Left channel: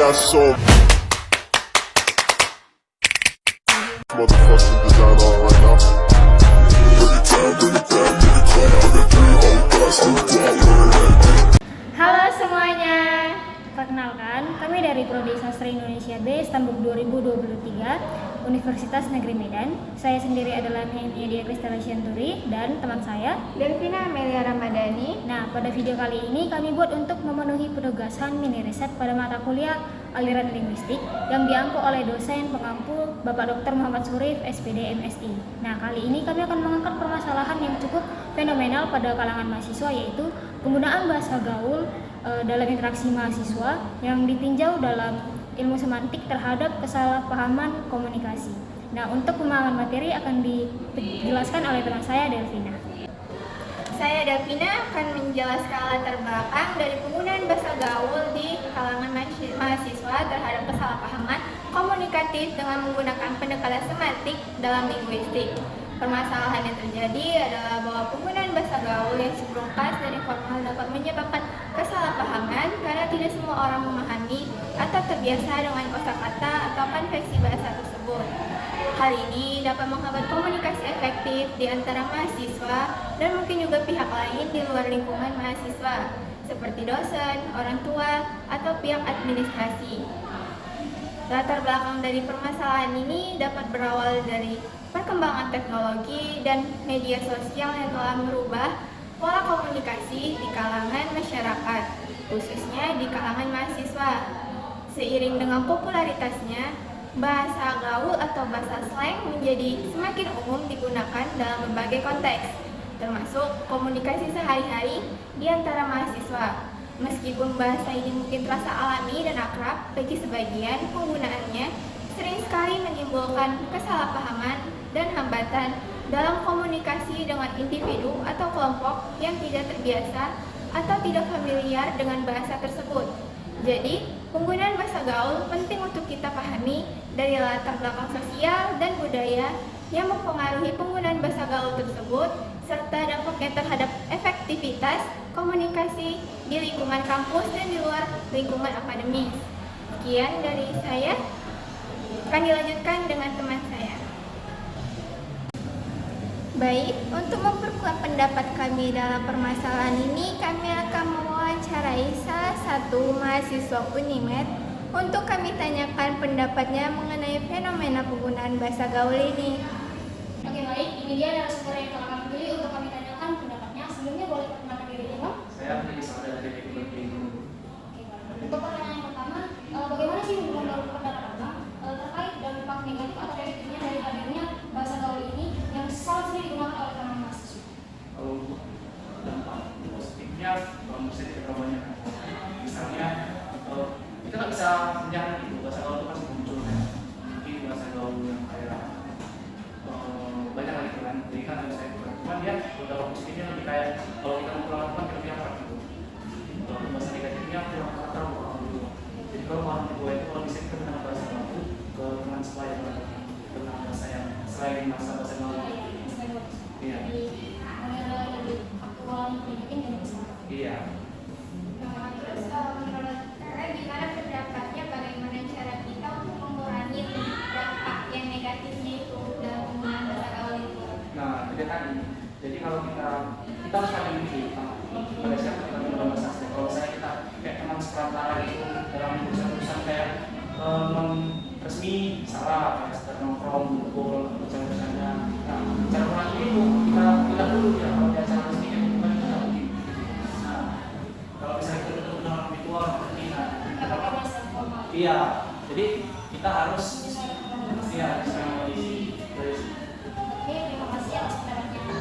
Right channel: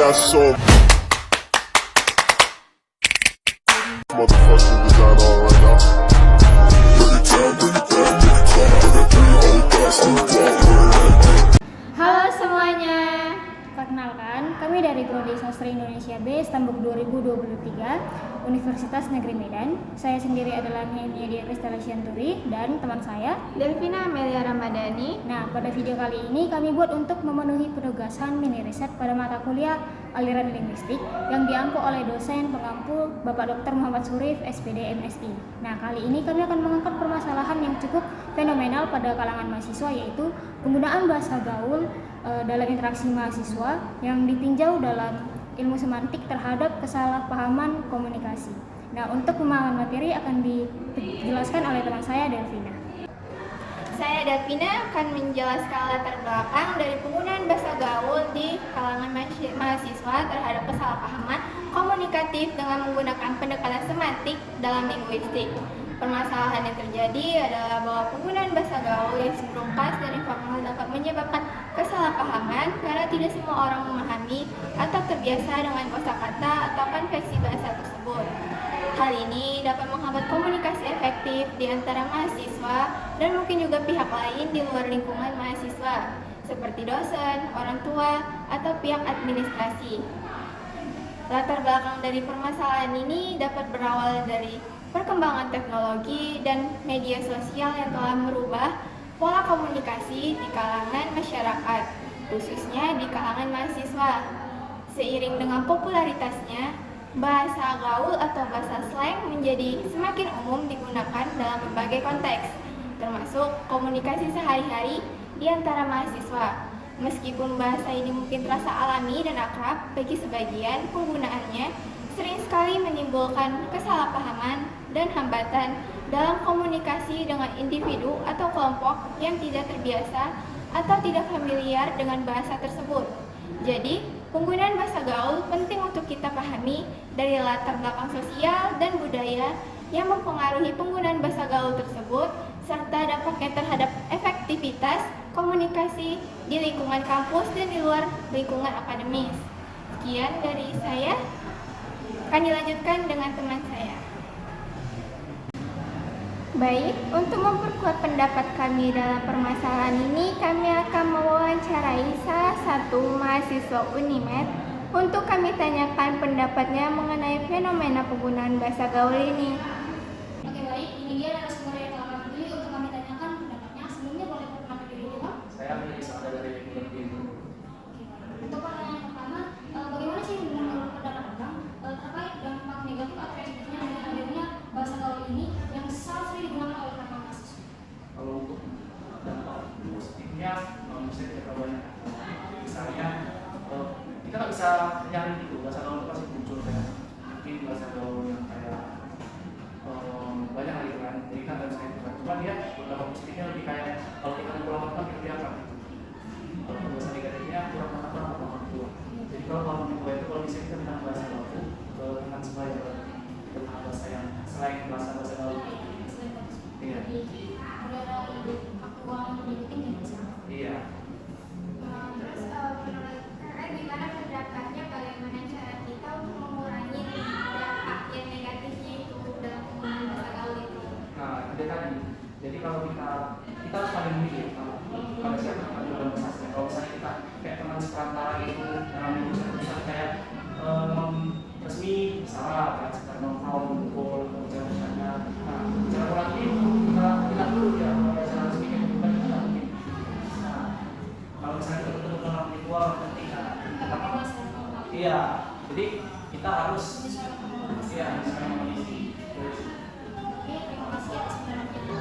got so motherfucking design on right now. Bring it down, bring it down, bring it down. I got 3 old guys to Halo semuanya, perkenalkan kami dari Prodi Sastra Indonesia B Stambuk 2023 Universitas Negeri Medan. Saya sendiri adalah Nehemia Dia Kristalasianturi dan teman saya Delvina Amelia Ramadhani. Nah, pada video kali ini kami buat untuk memenuhi penugasan mini riset pada mata kuliah aliran linguistik yang diampu oleh dosen pengampu Bapak Dr. Muhammad Surif, SPD MSI. Nah, kali ini kami akan mengangkat permasalahan yang cukup fenomenal pada kalangan mahasiswa, yaitu penggunaan bahasa gaul dalam interaksi mahasiswa yang ditinjau dalam ilmu semantik terhadap kesalahpahaman komunikasi. Nah, untuk pemahaman materi akan dijelaskan oleh teman saya, Delvina. Saya Delvina akan menjelaskan latar belakang dari penggunaan bahasa gaul di kalangan mahasiswa terhadap kesalahpahaman komunikatif dengan menggunakan pendekatan semantik dalam linguistik. Permasalahan yang terjadi adalah bahwa penggunaan bahasa gaul yang simulkas dari formal dapat menyebabkan kesalahpahaman karena tidak semua orang memahami atau terbiasa dengan kosakata atau konveksi bahasa tersebut. Hal ini dapat menghambat komunikasi efektif di antara mahasiswa dan mungkin juga pihak lain di luar lingkungan mahasiswa, seperti dosen, orang tua, atau pihak administrasi. Latar belakang dari permasalahan ini dapat berawal dari perkembangan teknologi dan media sosial yang telah merubah pola komunikasi di kalangan masyarakat, khususnya di kalangan mahasiswa. Seiring dengan popularitasnya, bahasa gaul atau bahasa slang menjadi semakin umum digunakan dalam berbagai konteks, termasuk komunikasi sehari-hari di antara mahasiswa. Meskipun bahasa ini mungkin terasa alami dan akrab bagi sebagian, penggunaannya sering sekali menimbulkan kesalahpahaman dan hambatan dalam komunikasi dengan individu atau kelompok yang tidak terbiasa atau tidak familiar dengan bahasa tersebut. Jadi, penggunaan bahasa gaul penting untuk kita pahami dari latar belakang sosial dan budaya yang mempengaruhi penggunaan bahasa gaul tersebut, serta dampaknya terhadap efektivitas komunikasi di lingkungan kampus dan di luar lingkungan akademis. Sekian dari saya, akan dilanjutkan dengan teman saya. Baik, untuk memperkuat pendapat kami dalam permasalahan ini, kami akan mewawancarai salah satu mahasiswa Unimed untuk kami tanyakan pendapatnya mengenai fenomena penggunaan bahasa gaul ini. Oke, baik, ini dia narasumber yang akan pilih untuk kami tanyakan pendapatnya. Sebelumnya boleh perkenalkan diri dulu. Saya menjadi saudara dari Filipina. Oke, baik. Untuk pertanyaan yang pertama, bagaimana sih menurut pendapat Abang terkait dampak negatif atau positifnya dari hadirnya bahasa gaul ini yang sangat sering digunakan oleh para mahasiswa? Kalau untuk dampak positifnya, bisa kita banyak. Misalnya, kita nggak bisa menjamin itu bahasa gaul itu pasti muncul kan. Mungkin bahasa gaul yang kayak banyak lagi kan. Jadi kan bisa itu kan. Cuman dia dampak positifnya lebih kayak kalau kita pulang kan kita lebih akrab gitu. Kalau bahasa negatifnya kurang akrab sama orang tua. Jadi kalau orang tua itu kalau bisa kita kenal bahasa gaul ke teman sebaya dengan bahasa yang selain bahasa gaul. Iya. Jadi ada lebih faktual mungkin dari sana. Iya. Terus menurut saya gimana pendapatnya, bagaimana cara kita untuk mengurangi dampak yang negatifnya itu dalam penggunaan bahasa gaul itu? Nah, itu tadi. Jadi kalau kita harus pada diri kita pada siapa kita belajar bahasa asing. Kalau misalnya kita kayak teman sekarang itu dalam urusan kayak resmi salah, kayak sekarang nongkrong, kumpul, bicara-bicaranya. Nah, cara berlatih itu kita dulu ya kalau dia cara resmi kayak gitu kan kita mungkin. Nah, kalau misalnya kita ketemu dengan virtual berarti iya. Jadi kita harus ya sekarang di Oke, terima kasih atas pendapatnya.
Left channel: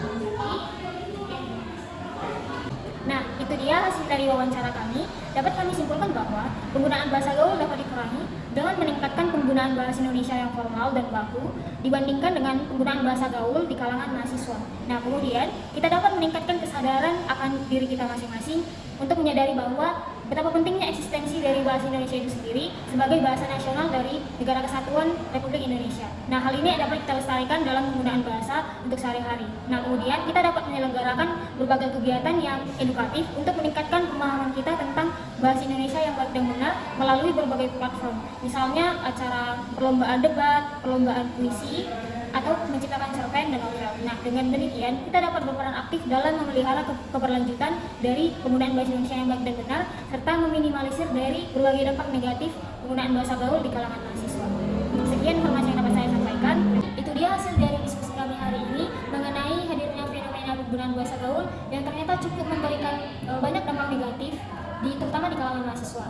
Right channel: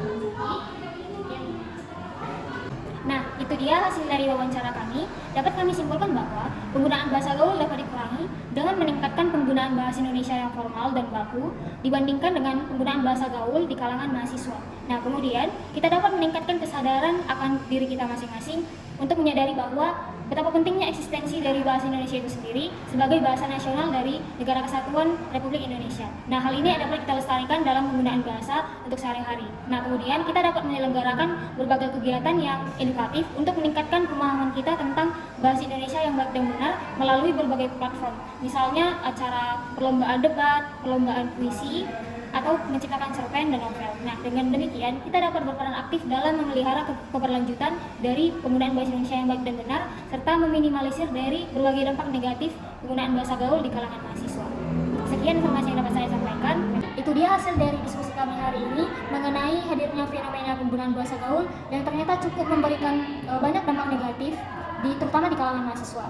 Nah, itu dia hasil dari wawancara kami. Dapat kami simpulkan bahwa penggunaan bahasa gaul dapat dikurangi dengan meningkatkan penggunaan bahasa Indonesia yang formal dan baku dibandingkan dengan penggunaan bahasa gaul di kalangan mahasiswa. Nah, kemudian kita dapat meningkatkan kesadaran akan diri kita masing-masing untuk menyadari bahwa betapa pentingnya eksistensi dari bahasa Indonesia itu sendiri sebagai bahasa nasional dari Negara Kesatuan Republik Indonesia. Nah, hal ini dapat kita lestarikan dalam penggunaan bahasa untuk sehari-hari. Nah, kemudian kita dapat menyelenggarakan berbagai kegiatan yang edukatif untuk meningkatkan pemahaman kita tentang bahasa Indonesia yang baik dan benar melalui berbagai platform. Misalnya acara perlombaan debat, perlombaan puisi, atau menciptakan cerpen dan novel. Nah, dengan demikian kita dapat berperan aktif dalam memelihara keberlanjutan dari penggunaan bahasa Indonesia yang baik dan benar serta meminimalisir dari berbagai dampak negatif penggunaan bahasa gaul di kalangan mahasiswa. Sekian informasi yang dapat saya sampaikan. Itu dia hasil dari diskusi kami hari ini mengenai hadirnya fenomena penggunaan bahasa gaul yang ternyata cukup memberikan banyak dampak negatif terutama di kalangan mahasiswa.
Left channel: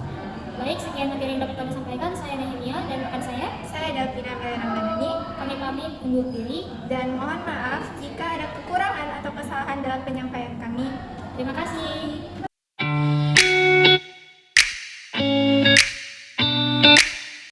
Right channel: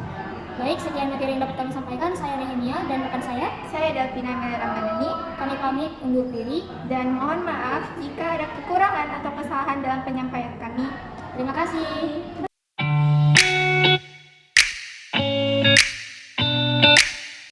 Baik, sekian materi yang dapat kami sampaikan. Saya Nehemia dan rekan saya Davina Meli Ramadhani, kami pamit undur diri. dan mohon maaf jika ada kekurangan atau kesalahan dalam penyampaian kami. Terima kasih.